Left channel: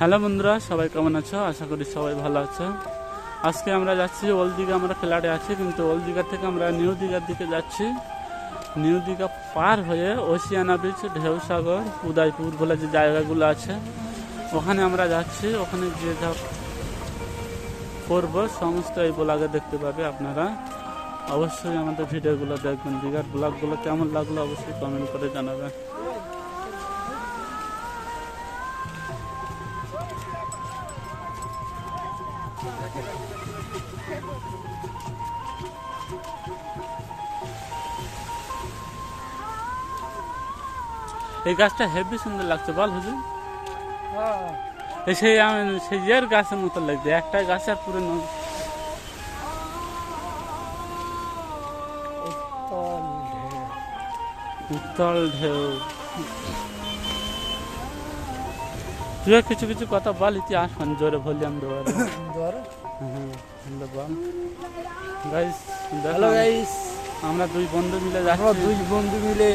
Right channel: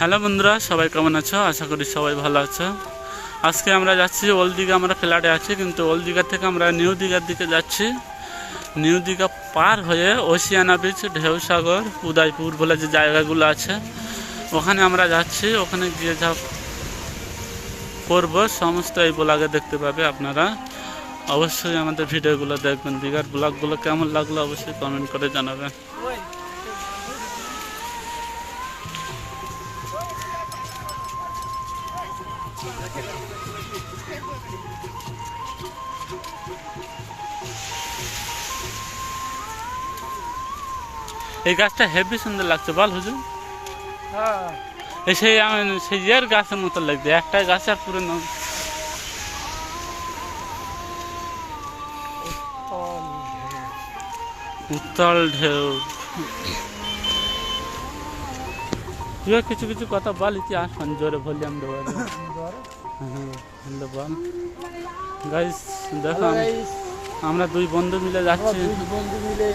Hello বন্ধুরা, সবাই কেমন আছো? আশা করি সবাই ভালো আছো। আজকে আমরা যাচ্ছি ওল্ড দীঘা, আমরা ফ্ল্যাটে আছি, কিন্তু ওল্ড দীঘা থেকে আমরা নিউ দীঘার দিকে যাচ্ছি। নিউ দীঘা পার হয়ে ওশিয়ানা বিচ ঢেউসাগর, উদয়পুর বলে যে জায়গাগুলো আছে, ওখানে আমরা যাচ্ছি। ওখানে গিয়ে যা করব, সমস্ত এই ব্লগে দেখতে পাবে আপনারা। অবশ্যই আমাদের ভিডিওগুলো দেখবেন। দীঘার ব্লগগুলো কেমন লাগল অবশ্যই কমেন্ট করে জানাবেন। এই গাছটা হেভি সুন্দর লাগছে বল হুজুর। এই সেই আম- সেই ইয়ের গাছের মতো লাগছে একটা গাছ আর পুরো উত্তল ঢেউ। তুইও কিছু কিছু কথা বল ইতিহাস জোরে হ্যাঁ হ্যালো বল। গাইস দেখো আমরা দুই বন্ধু মিলে আমরা যাচ্ছি। দুই বন্ধু মিলে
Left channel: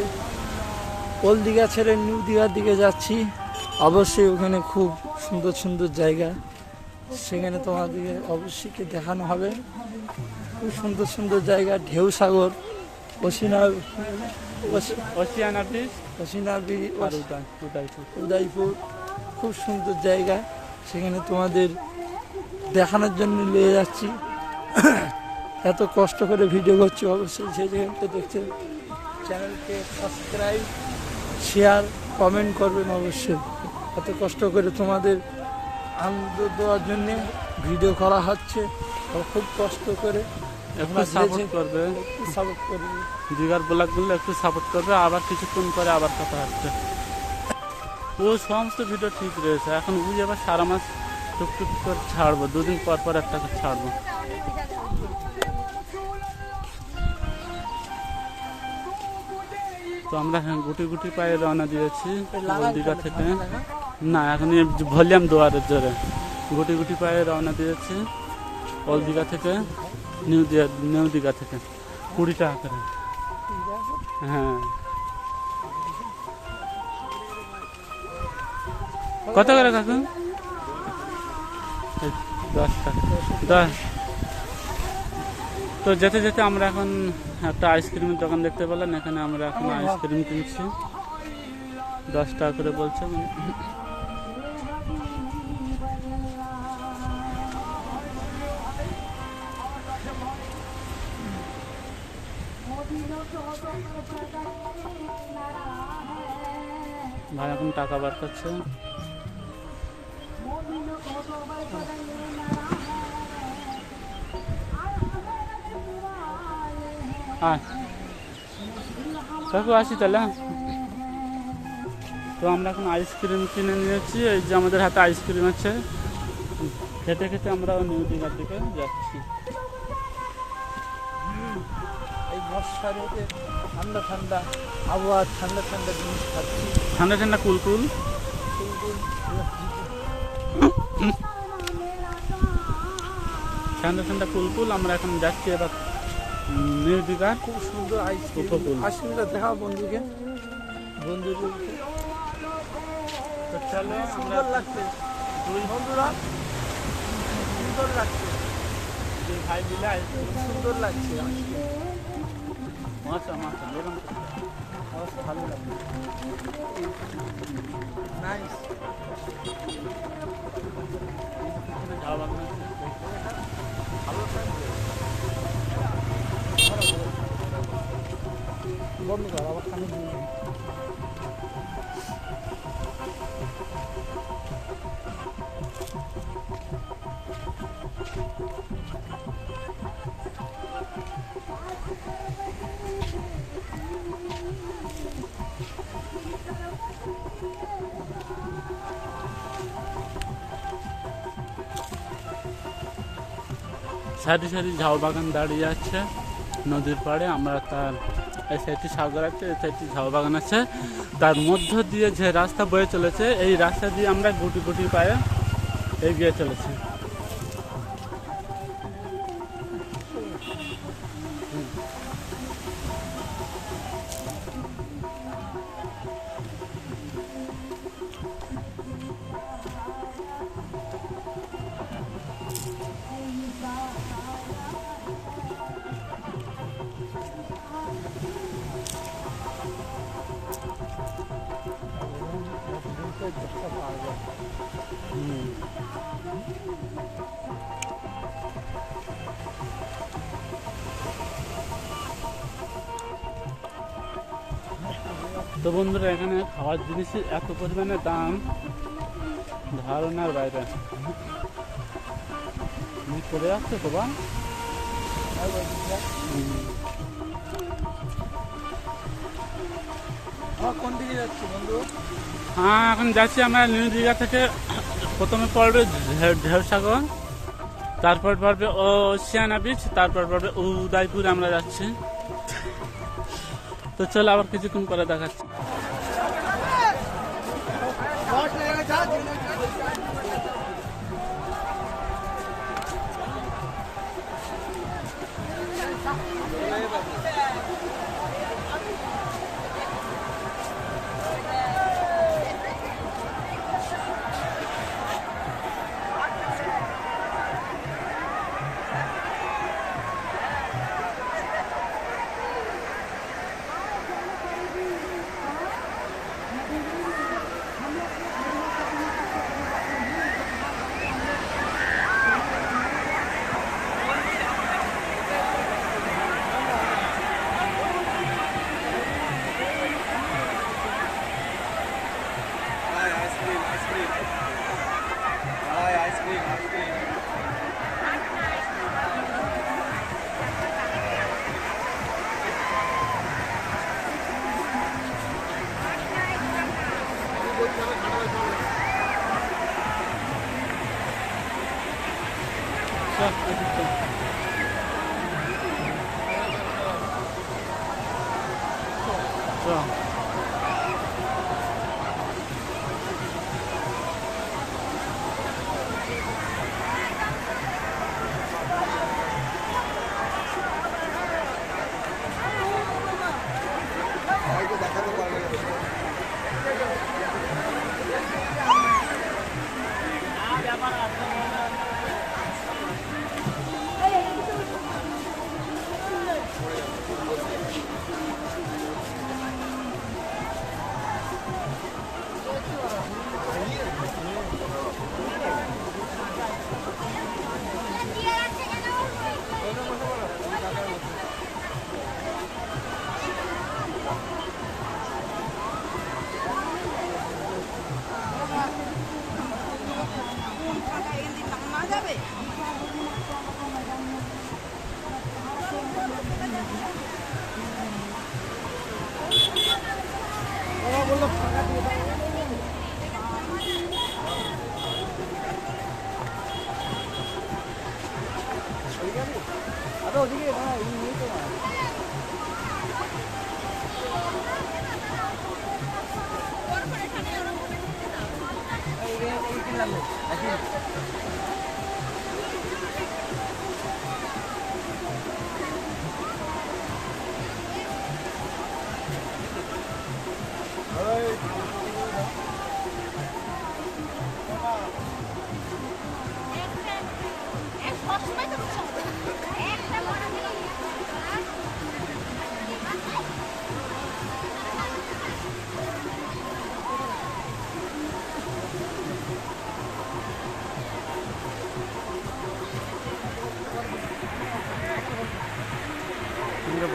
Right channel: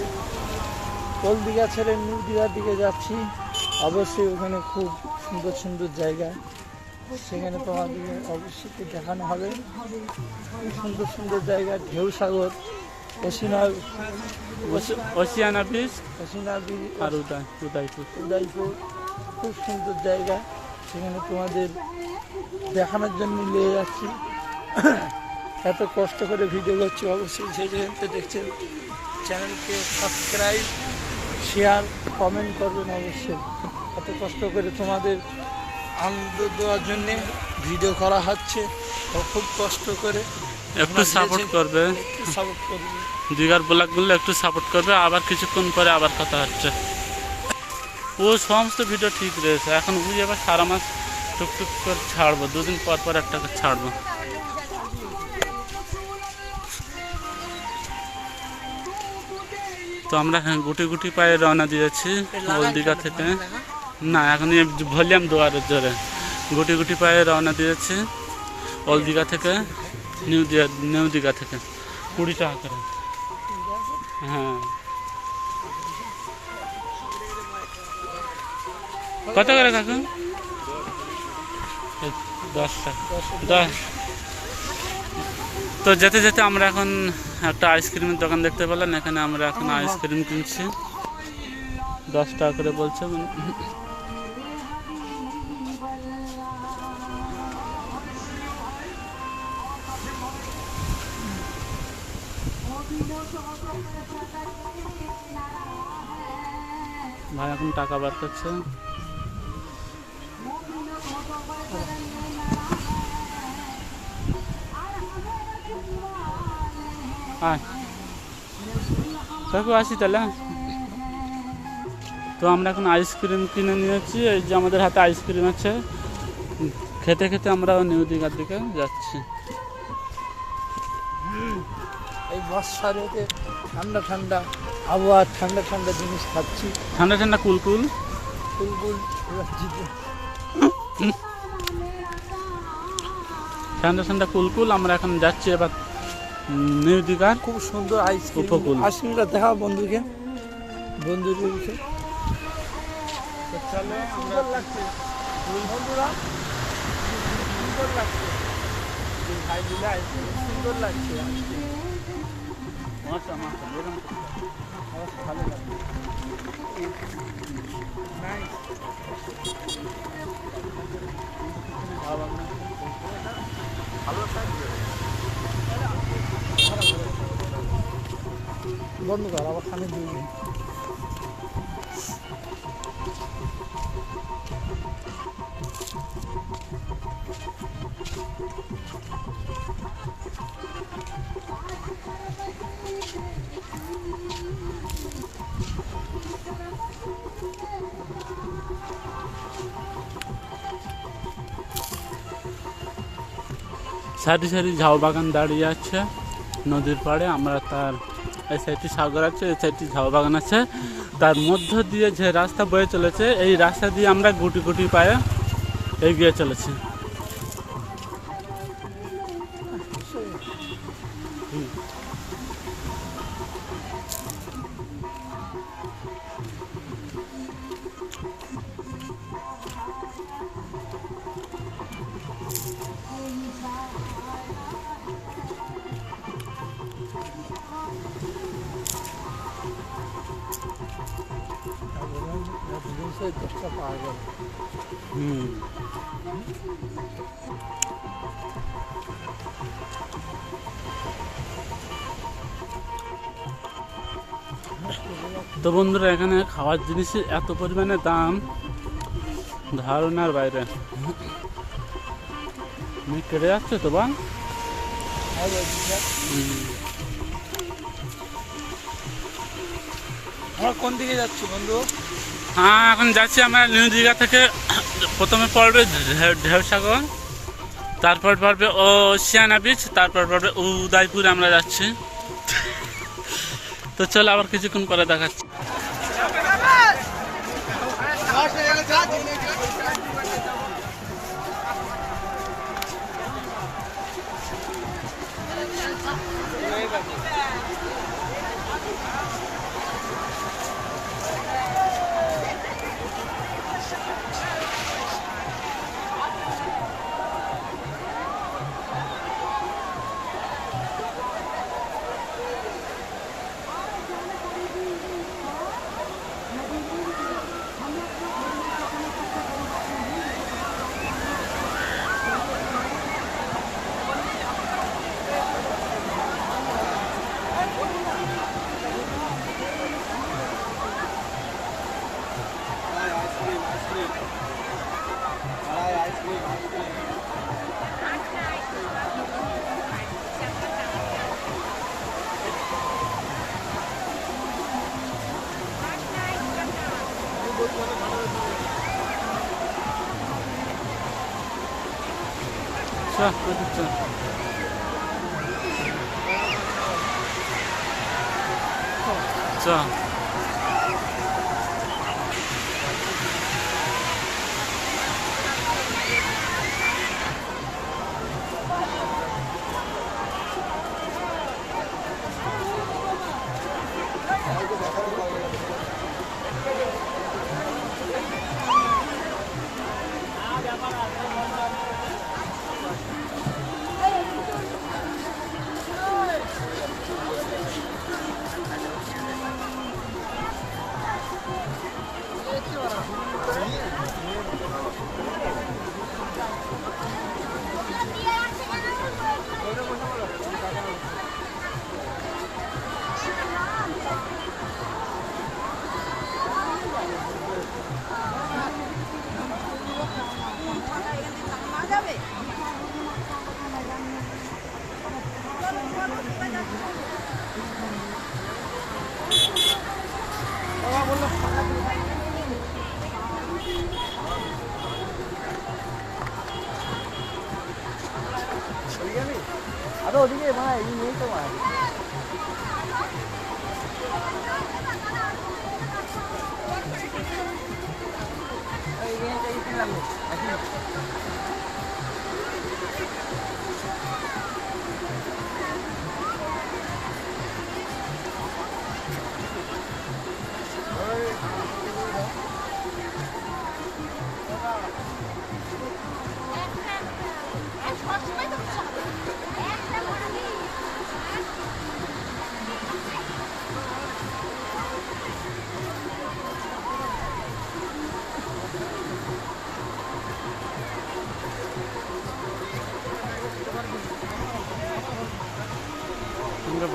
ওল দীঘা ছেড়ে নিউ দীঘার দিকে যাচ্ছি। অবশ্যই ওখানে খুব সুন্দর সুন্দর জায়গা। সেখানে তোমাদেরকে অবশ্যই কে দেখানো হবে। খুব সুন্দর সুন্দর জায়গা ঢেউ সাগর অসিনা আর উদয় উদয়পুর। উদয়পুর খুব সুন্দর জায়গা। সেখানে তোমাদের দেখানোর জন্য নিয়ে যাচ্ছি। এত কষ্ট করে ভিডিও করছি অবশ্যই সেই যেখানে দেখছেন। চ্যানেলকে সাবস্ক্রাইব শেয়ার কমেন্ট করবেন অবশ্যই। এত কষ্ট করে তোমাদের আনন্দ দেওয়ার জন্যে ভিডিও করা হচ্ছে। খুব কষ্ট করে একটু সাপোর্ট করবে। সাপোর্ট করবে। দিঘার ব্লগগুলো একটু সাপোর্ট করবে আবার কিছুক্ষণ পরে আবার কথা হচ্ছে। ও সমস্ত ভিডিও ঠিক রয়েছে। এখন বুঝে আবার সারা মাস টুকটুক করে ছাড়বো দুদিন পর পর একটা ছাড়বো। তো আমরা হ্যাঁ গুটি গুটি পায়ে রওনা দিয়েছি দীঘা থেকে। না এখন ভলিউম দোয়ারের জোরে। গুটি গুটি পায়ে রওনা দিয়েছি ওল দীঘা থেকে নিউ দীঘা নিউ দীঘা থেকে। কুড়ি টাকা করে। হ্যাঁ। কত করে কাকু? দশ টাকা। দশ। তো যেতে যেতে আমরা এখন একটা আইসক্রিমের দোকান দেখতে পেলাম। এখানে আমরা এখন আইসক্রিম কিনছি। দশ টাকা করে বলছে মানে। ভাই এখন টাকা বার করছে। আয়। কাকু আসি তাহলে হ্যাঁ? তো আমরা এখন আইসক্রিম কিনে নিয়েছি এই যে আমাদের হাতে আইসক্রিম আছে। খেতে খেতে আমরা নিউ দীঘার দিকে যাচ্ছি। এই মশারতে ঠান্ডা ঠান্ডা আবহাওয়া ঠান্ডা ঠান্ডা জিনিস খাচ্ছি। ঠান্ডা ঠান্ডা কুলকুল এবার ঠান্ডা ঠান্ডা কুলকুল আমরা এখন যাচ্ছি এবার নিউ দীঘার খুব সুন্দর আইসক্রিম উপকূল। আইসক্রিমটা দেখা বন্ধুকে বন্ধুদেরকে চলো সুন্দর লাগছে। দুই বন্ধুরা সুন্দর লাগছে। দুই ভাই মিলে আইসক্রিম সুন্দর লাগছে এরকম ভালো লাগছে। নাইস বন্ধ সারি সারি ঝাউ বাগান দাঁড়িয়ে আছে। নদীর পাড়ে আমরা তার এই সাইডটি সাগর আছে, এই সাইডটি ঝাউ বাগান আছে। তার মধ্য দিয়ে যে রাস্তা বয়ে চলেছে, এই রাস্তা দিয়ে আমরা গুটি গুটি পায়ে এগিয়ে চলেছি। তো বন্ধুরা এখানে খাওয়ার জিনিসের এত পরিমাণে দাম ধারণার বাইরে। কেড়ে যাচ্ছে তো বা কোন দিকে যাচ্ছি বন্ধু? হ্যাঁ এখন যাচ্ছি আমরা নিউ দীঘা থেকে প্রথমে পড়বে ঢেউ- ঢেউসাগর তারপর পড়বে ওশিয়ানা বিচ তারপর পড়বে উদয়পুর আমরা যাচ্ছি। তো চলো আবার কিছুক্ষণ পরে দেখাচ্ছি। চল, এদিক চল। চল আরে 刚才已经没事儿 তো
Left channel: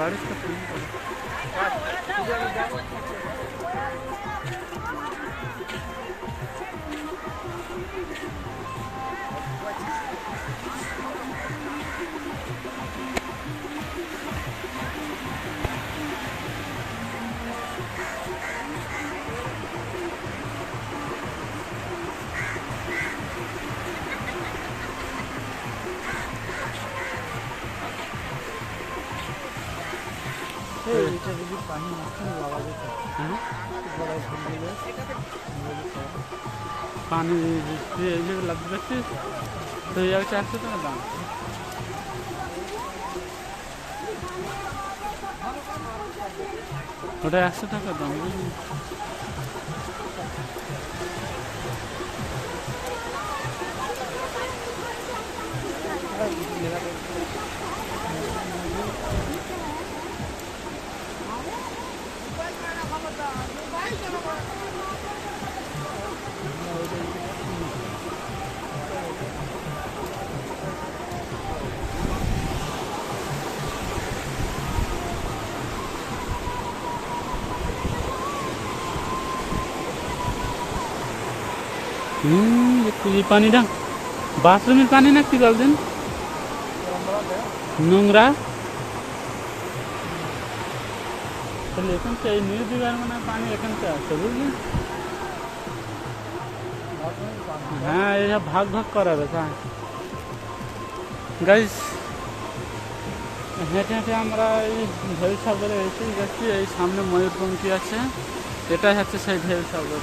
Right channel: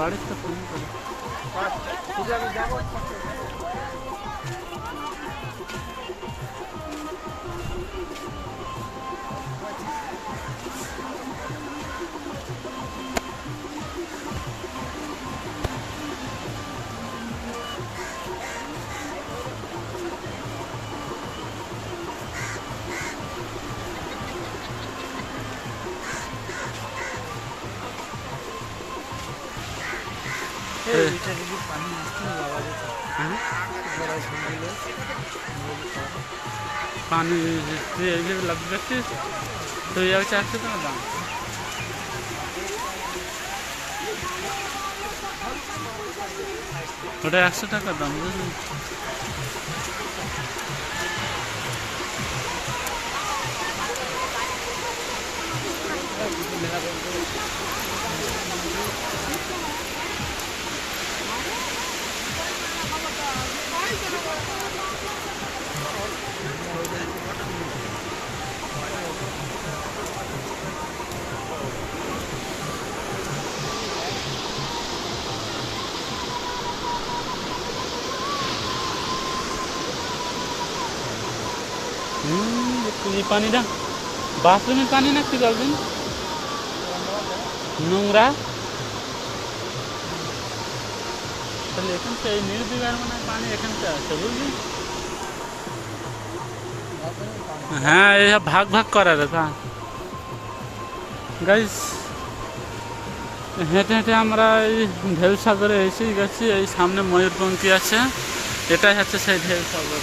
যাচ্ছিস তো এই হচ্ছে একশো টাকা দাম। ওটা একশো টাকা দাম বুঝলি? হুম একটু এই পানিটা বাথরুমের পানি না কি বলবেন নোংরা তাহলে এখন তো এই নিউ দিঘার মানে পানি এখানটা আছে বুঝলি হ্যাঁ এই ভাগ ভাগ করা রেখা গাইস হেঁটে হেঁটে আমরা এই ঢেউ সাগরে এসেই গেছি এই সামনে ময়ূরপঙ্খী আছে এটাই হচ্ছে সেই ঢেউ সাগর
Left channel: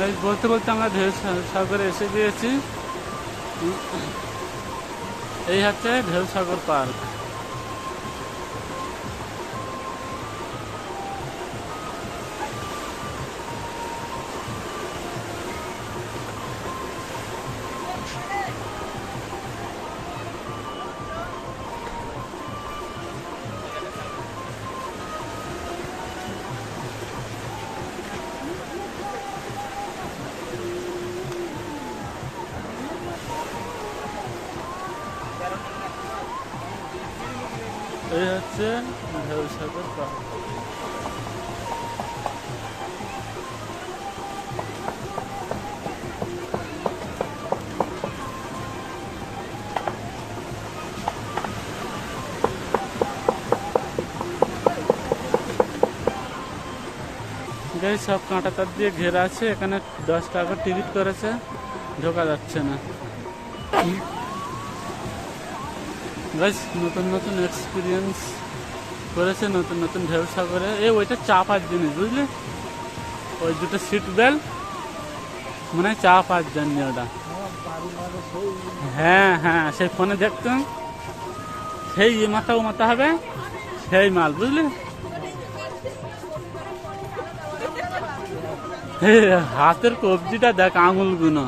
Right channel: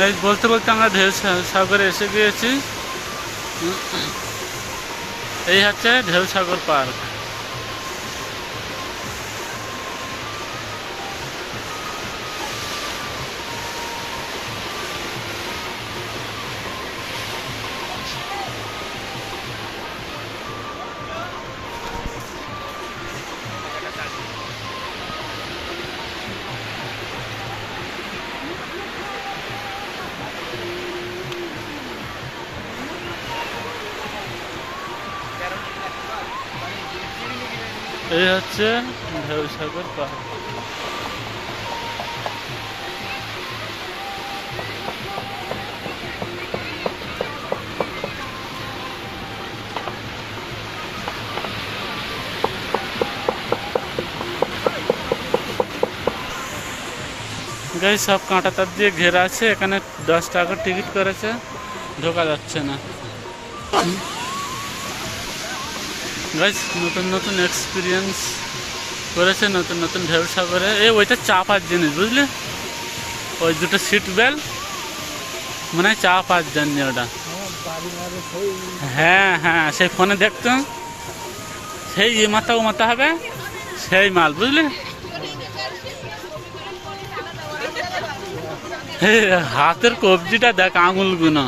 এই বলতে বলতে আমরা ঢেউ সাগরে এসে গিয়েছি। এই হচ্ছে ঢেউ সাগর পার্ক। এই হচ্ছে ঢেউ সাগর পার্ক গাই সব কাঁটা তার দিয়ে ঘেরা আছে এখানে দশ টাকা টিকিট করেছে ঢোকা যাচ্ছে না গাইজ নতুন নতুন এক্সপিরিয়েন্স করেছে, নতুন নতুন ঢেউ সাগরে। এ, ওইটা চাপার জিনিস, বুঝলি? ওই দুটো সিট বেল্ট মানে চাপার জন্য ওটা। হ্যাঁ হ্যাঁ সেই ফোনে দেখতাম সেই এ মাথা ও মাথা হবে, সেই মাল, বুঝলি? হাতের কবজিটা দেখ, আঙুলগুলো।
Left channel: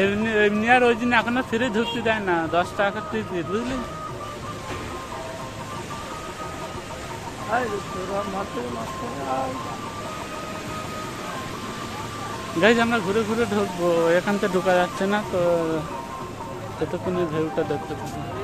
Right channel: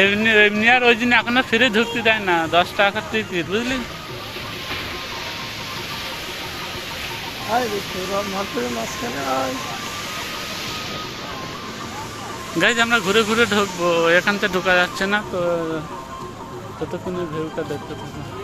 এমনি এমনি আর ওই জন্য এখনও ফিরে ঢুকতে দেয় না। দশ টাকা তুই বুঝলি। গাইজ আমরা ঘুরে ঘুরে ঢুকবো। এখান থেকে ঢুকা যাচ্ছে না তো, ততক্ষণে ভিউটা দেখতে পাবো।